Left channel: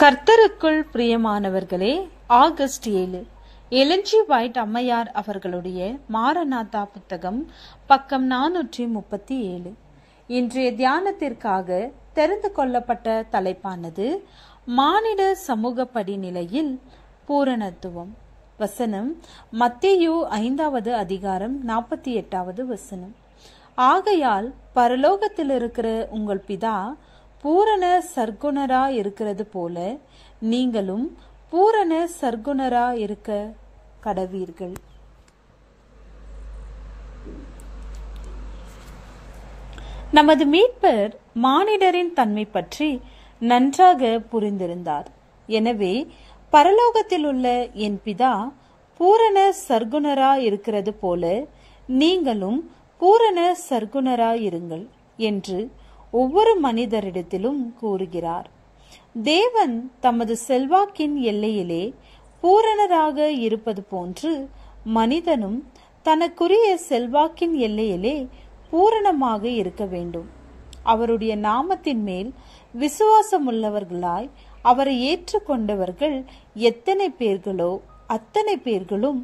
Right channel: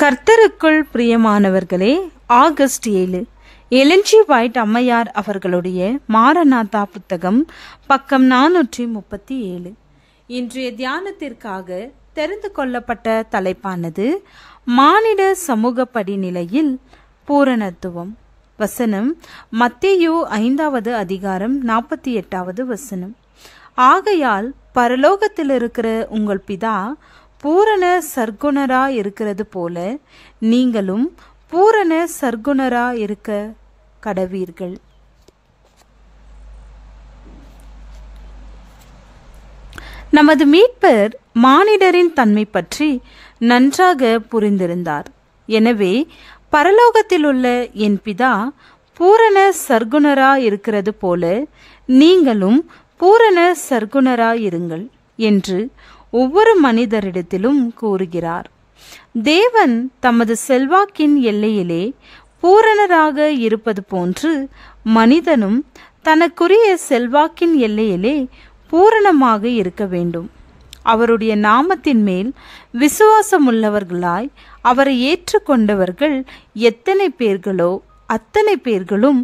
கர்த்தருக்குள் பிரியமானவர்களே, August 7 Ellen G white அம்மையார் அவர்களுடைய மாரநாதா புத்தகம், பக்கம் 437. இன்றைய தியானத்திற்காக தெரிந்து கொள்ளப்பட்ட தலைப்பானது மானிட சமூக படிநிலையில் பூரணத்துவம். வசனம் மத்தேயு 5வது அதிகாரம் 48வது வசனம். ஆகையால் பரலோகத்தில் இருக்கிற உங்கள் பிதா பூரண சர்க்குணரா இருக்கிறது போல நீங்களும் பூரண சர்க்குணரா இருக்க கடவீர்கள். நமது மீட்பர் மானிடரின் தன்மை பற்றி நன்றாக புரிந்திருந்தார். எனவே பரலோகத்தில் உள்ள என் பிதா பூரண சர்க்குணரா இருக்கிறது போல நீங்களும் பூரண சர்க்குணரா இருங்கள் என்று ஒவ்வொரு மனிதரிடத்திலும் கூறுகிறார். தேவன் தமது செல்வாக்கின் எல்லையிலே பூரணராக இருப்பது போன்று மனிதனும் தனக்குரிய செல்வாக்கின் எல்லையிலே பூரணமாக இருக்க வேண்டும். அவருடைய நாமத்தின் மேல் விசுவாசமுள்ளவர்களாய் அவரை ஏற்றுக்கொண்டவர்கள் எத்தனை பேர்களோ அத்தனை பேர்களும்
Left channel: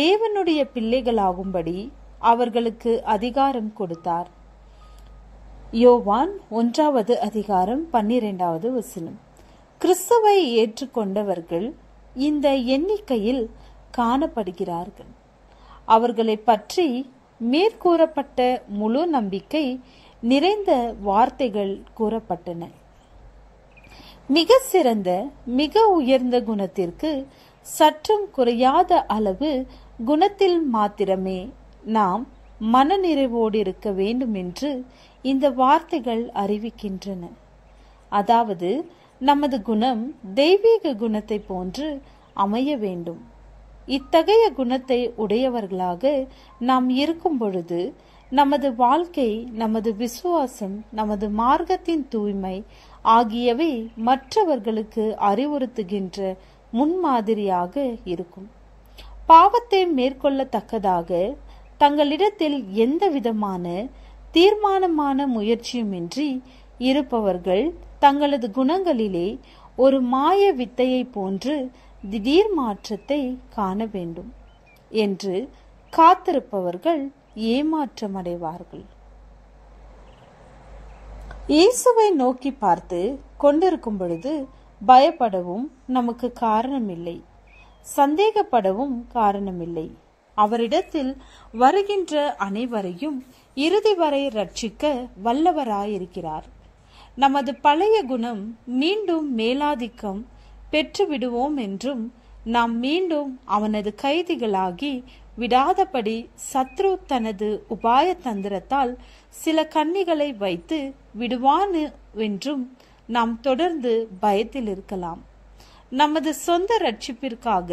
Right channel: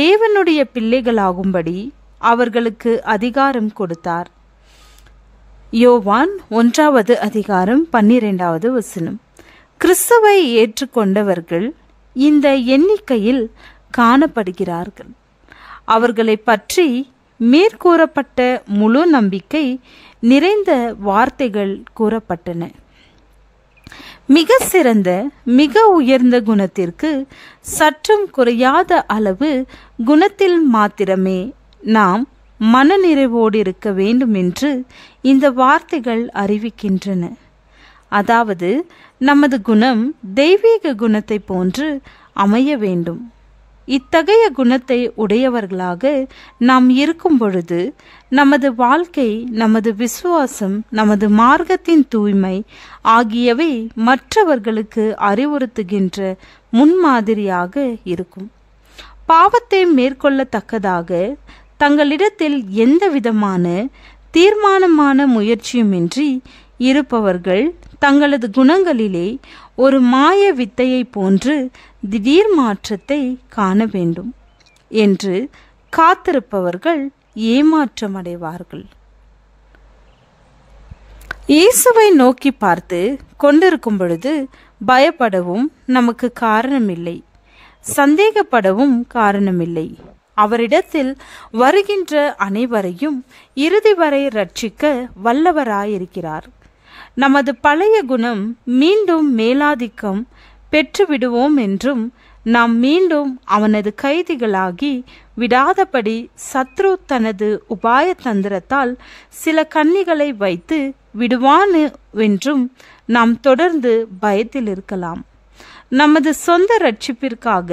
தேவனுடைய பிள்ளைகளாகும்படி அவர்களுக்கு அதிகாரம் கொடுத்தார். யோவான் 1வது அதிகாரம் 12வது வசனம். கிறிஸ்துவை ஏற்றுக்கொண்டவர்கள் இந்த எண்ணிக்கையில் காணப்படுகிறார்கள். அவர்களை பற்றி மேற்கூறப்பட்ட முழு நம்பிக்கை நிறைந்த வார்த்தைகள் கூறப்பட்டன. மிக சிறந்த மிக உயர்ந்த குணத்திற்கு சற்றும் குறையாத அளவு குணத்தில் மாத்திரமே நாம் மனநிறைவோடு இருக்க வேண்டும் என்று இந்த வார்த்தைகள் அறிவிக்கின்றன. அதாவது நமது குணம் தெய்வீக குணத்தை போன்று அமைய வேண்டும். இத்தகைய குணத்தை உடையவர்களாக நாம் இருக்கும் பொழுது நமது வாழ்க்கை, நமது விசுவாசம், நமது மார்க்கத்தின் தூய்மை ஆகியவை மற்றவர்களுக்கு அறிவுறுத்துகின்ற முன்மாதிரியாக இருக்கும். பாவத்தை மேற்கொள்ளத்தக்கதாக தங்களிடத்தில் எந்த விதமான தீர்மானமான முயற்சியுமின்றி இருப்பவர்கள் தங்களது குணங்களிலே ஒரு மாய வித்தையை போன்று திடீர் மாற்றத்தை காண வேண்டும் என்று காத்திருப்பவர்கள் ஏமாற்றமடைவார்கள். இயேசுவை நோக்கி பார்த்து கொண்டிருக்கும் பொழுது பயப்படவும் நமக்கு காரணமில்லை, சந்தேகப்படவும் காரணமில்லை. அவரிடத்தில் வருகின்ற அனைவரையும் இறுதி வரை ரட்சிக்க வல்லவராயிருக்கிறார். நமது பழைய குணம் மீண்டும் மேலாதிக்கம் பெற்றுவிடுவோம் என்றும் நாம் மீண்டும் அவனது கைதிகளாகி விடாதபடி சத்ரு தனது உபாய தந்திரத்தால் சில கன்னிகளை வைத்து விடுவான் என்றும் நாம் தொடர்ந்து பயத்தில் இருக்கலாம். நமது சொந்த ரட்சிப்பிற்காக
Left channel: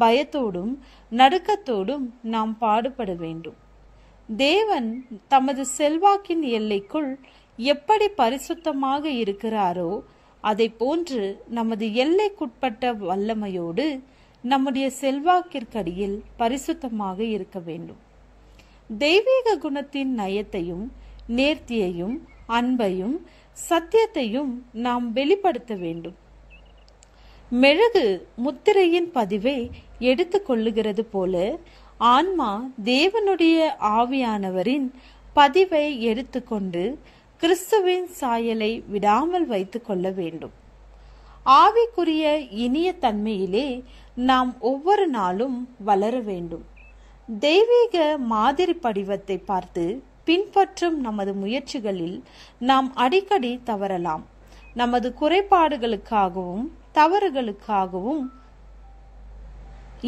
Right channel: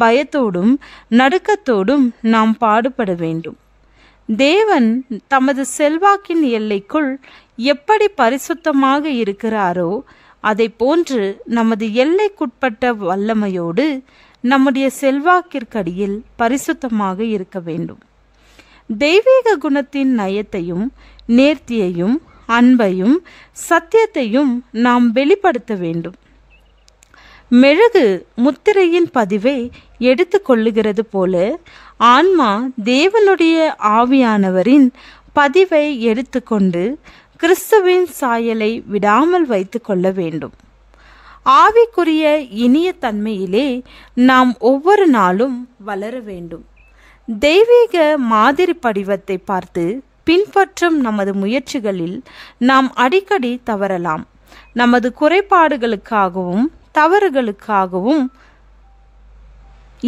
பயத்தோடும் நடுக்கத்தோடும் நாம் பாடுபட வேண்டும். தேவன் தமது செல்வாக்கின் எல்லைக்குள் எப்படி பரிசுத்தமாக இருக்கிறாரோ அதை போன்று நமது எல்லைக்குட்பட்ட வல்லமையோடு நம்முடைய செல்வாக்கிற்கடியில் பரிசுத்தமாக இருக்க வேண்டும். தெய்வீக குணத்தின் நயத்தையும் நேர்த்தியையும் அன்பையும் சத்தியத்தையும் நாம் வெளிப்படுத்த வேண்டும். மெழுகு முத்திரையின் பதிவை எடுத்து கொள்ளுகிறது போல ஆன்மா தேவனுடைய ஆவியானவரின் பதிவை எடுத்துக்கொண்டு கிறிஸ்துவின் சாயலை விடாமல் வைத்து கொள்ள வேண்டும். ஆவிக்குரிய இனிய தன்மையிலே நாம் ஒவ்வொரு நாளும் வளர வேண்டும். தெய்வீக மாதிரி படிவத்தை பார்த்து பின்பற்றும் நமது முயற்சிகளில் நாம் அடிக்கடி தவறலாம். நமது குறைபாடுகளுக்காகவும் தவறுகளுக்காகவும்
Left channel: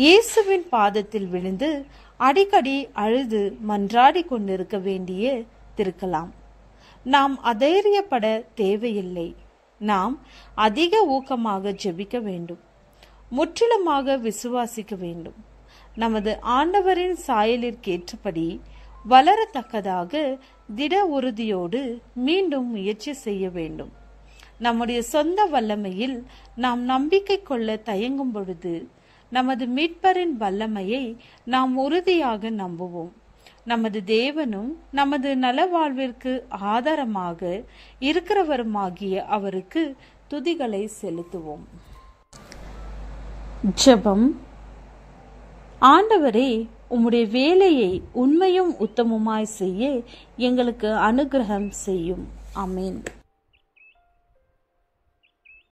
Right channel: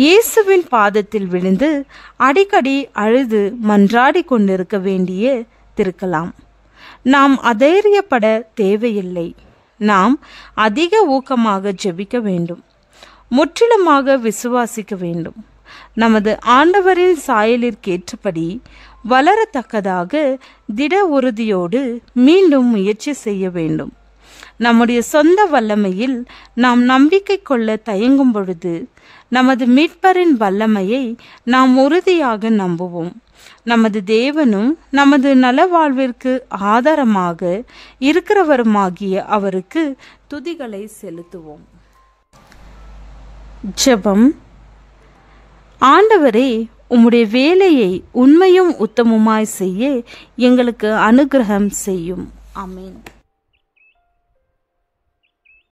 இயேசுவின் பாதத்தில் விழுந்து அடிக்கடி அழுது மன்றாடி கொண்டிருக்க வேண்டியிருக்கலாம். நாம் அதைரியப்பட தேவையில்லை. நாம் அதிக ஊக்கமாக ஜெபிக்க வேண்டும். முற்றிலுமாக விசுவாசிக்க வேண்டும். நமது ஆண்டவரின் சாயலிற்கேற்றபடி வளரத்தக்கதாக திட உறுதியோடு மீண்டும் முயற்சி செய்ய வேண்டும். நம்முடைய சொந்த வல்லமையில் நாம் நம்பிக்கை கொள்ள தயங்கும் பொழுது நமது மீட்பரின் வல்லமையை நாம் உறுதியாக நம்புவோம். நமது தேவனும் நமது நலவாழ்விற்கு ஆதாரமாக இருக்கிறவருமாகிய அவருக்கு துதிகளை செலுத்துவோம். ஜெபம். ஆண்டவரே, உம்முடைய வேலையை உண்மையும் உத்தமமாய் செய்ய எங்களுக்கு அனுக்கிரகம் செய்யும். ஆமென்.